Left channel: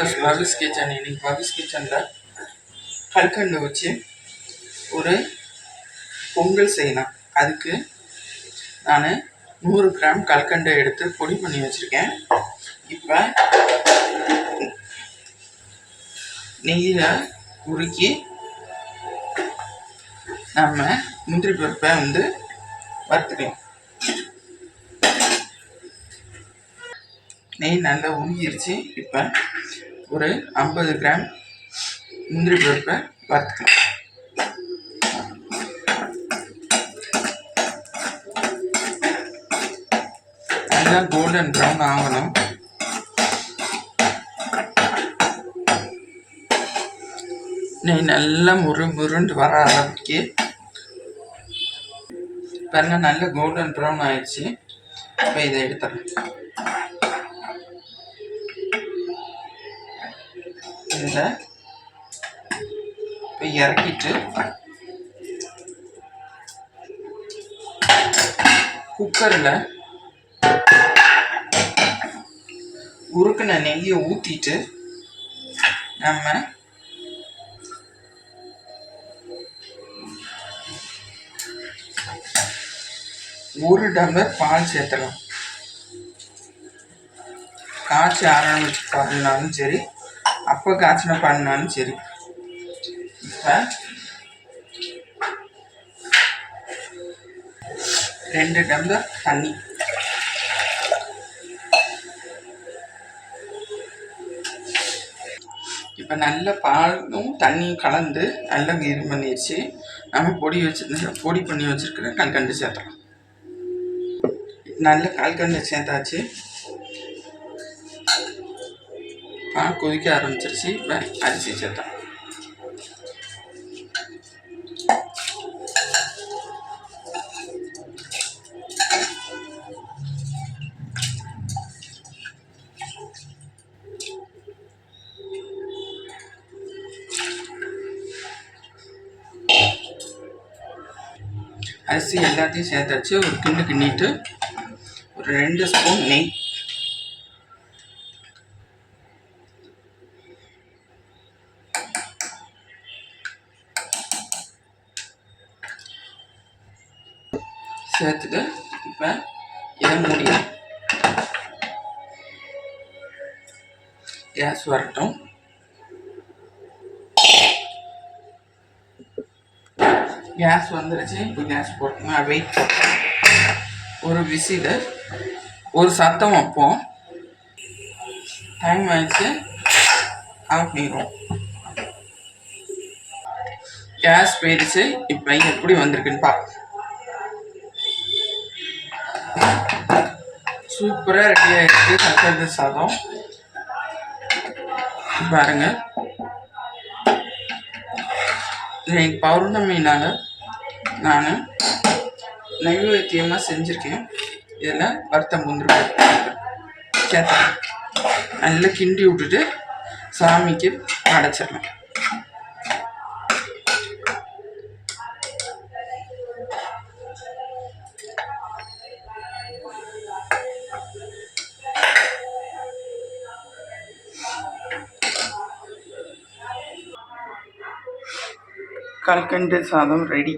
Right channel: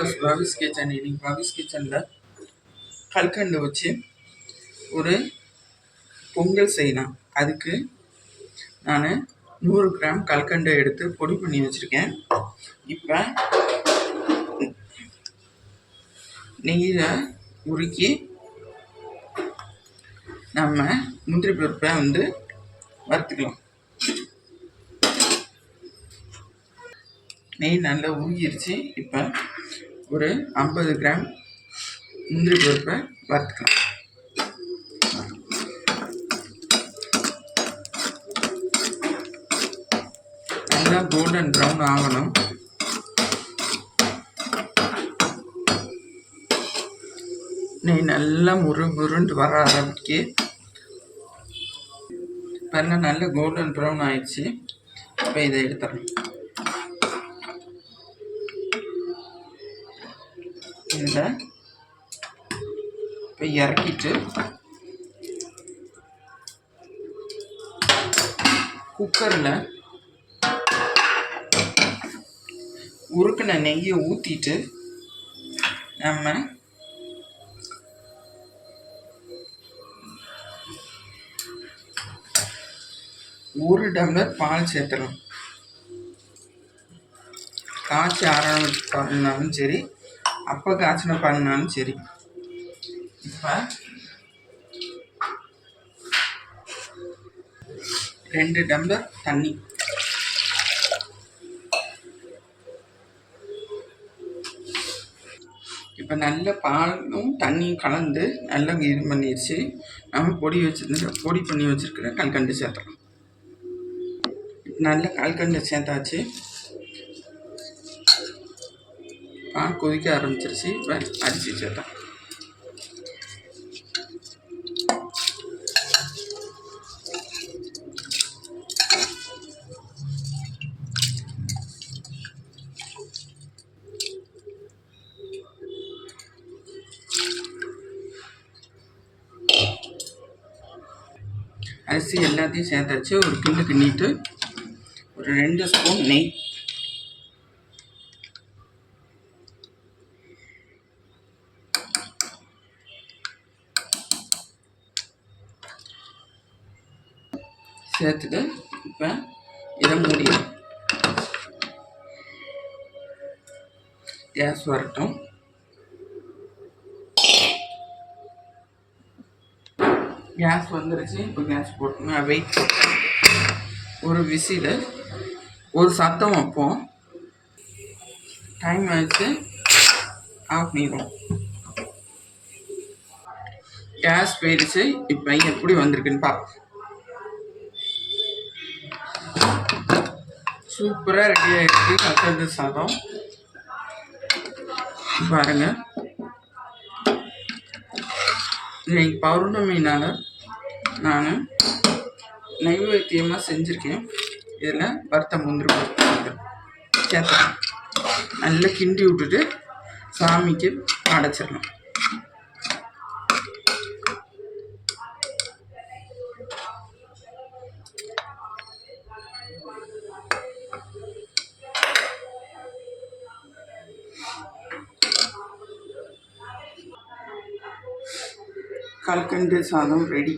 Plus பவிஸ் kitchen. இன்னைக்கு பவிஸ் கிச்சனில் கல்கண்டு வச்சு ஒரு பொங்கல் செய்யலாம். அதுக்கு நான் 100 கிராம் கல்கண்டை எடுத்து பொடி பண்ணி வச்சுருக்கேன். இப்போ நெய்யில் உருக்கி நம்ம முந்திரி பருப்பை வறுத்துக்கலாம். நெய் நல்லா உருகிருச்சு. இப்போ ஒரு 50 கிராம் முந்திரி பருப்பை வறுத்துக்கலாம். நல்லா கோல்டன் ப்ரௌன் ஆகணும். நெய் நல்லா முருண்டு வர அளவுக்கு இப்போ நல்ல கோல்டன் ப்ரௌன் ஆயிடுச்சு. இப்போ இதை எடுத்துறேன். இதில் இப்போ இறக்கிட்டு குக்கரில் உருக்கின நெய்யை ஊற்றிட்டு நம்ம 1 டம்ளர் பால் சேர்த்துறோம். காய்ச்சி ஆரண பால்னாலும் சரி, அப்போ காய்ச்சின பால்னாலும் சரி. இப்போ 2 டம்ளர் தண்ணி. இப்போ நல்ல பாலும் தண்ணியும் கலந்து நல்லா இது பண்ணிடுச்சு. நம்ம பொடி பண்ணி வச்சுருக்கிற கல்கண்டு சேர்த்துறோம். நல்ல கல்கண்டு சேர்த்தாச்சு. பால் கொதிக்க ஆரம்பிச்சிருச்சு. இப்போ அரிசி சேர்த்தோம். அரிசி எல்லாத்தையும் சேர்த்தாச்சு. ஒரு கிண்டிட்டு ஒரு 2 ஸ்பூன் நெய், சேர்த்துட்டு இப்போ இதை மூடிடும். கேஸ் வரட்டும். கேஸ் வந்துருச்சு. இப்போ கேஸ் போட்டுங்க. வெயிட் போட்டோம். ஒரு விசில் ஒரு சத்தம் வைப்போம். டைம் ஆயிடுச்சு. ஆஃப் பண்ணிடுவோம். கேஸ் போயிடுச்சு. இப்போ எப்படி வந்திருக்குன்னு பார்ப்போம். சூப்பராக ரெடி ஆகிடுச்சு கல்கண்டு சாதம். பாருங்க, இன்னைக்கு பௌர்ணமினால நான் நைவேத்தியமாக செஞ்சுருக்கேன். இதில் வறுத்த முந்திரி சேர்த்துறேன். நல்லா கிண்டி விட்டுட்டு சாமிக்கு அடைச்சிடணும். கல்கண்டு சாதம் ரெடி.